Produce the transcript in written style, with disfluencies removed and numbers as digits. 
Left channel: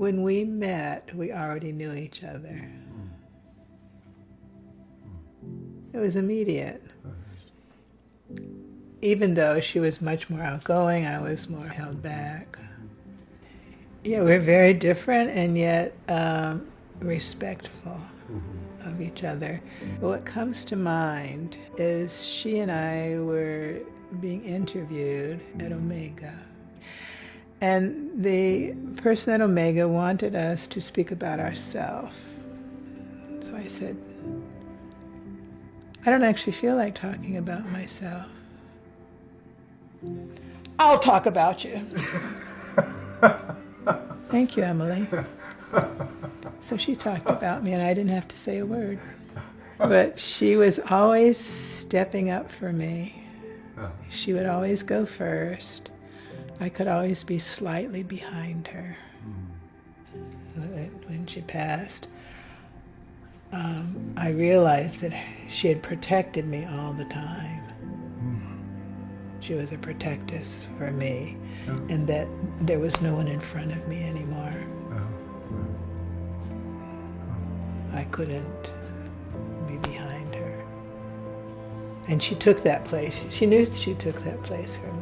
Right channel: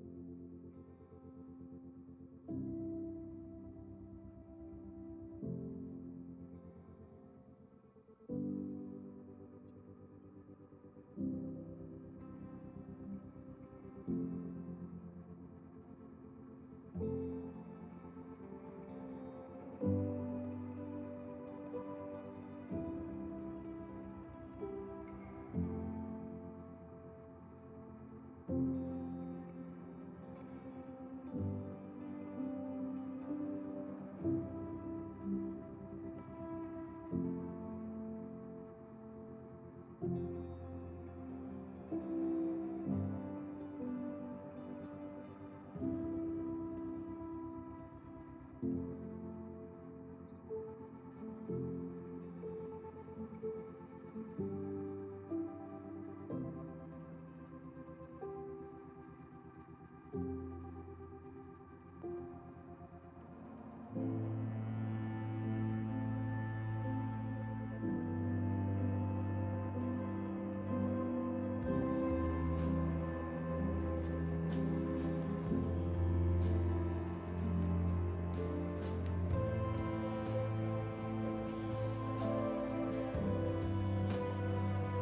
When we met, we already knew each other. It was immediate. Even though she was much more outgoing, I was more held back. Yeah, we're very different and yet respectful of each other. What comes to mind is she and I were being interviewed at Omega. And the person at Omega wanted us to speak about ourselves. So I said, I don't actually feel like talking about myself. I'll talk about you. Thank you, Emilie. So she talked about me and I didn't have to say a word. But she was always stepping up for me. She would always go first. I could always be slightly behind her. When she passed, I realized that she had protected me all the time. She was a protectress for me, and that there was no one in front of me anymore. I couldn't be behind her. And she took that place. She knew she took that place for me.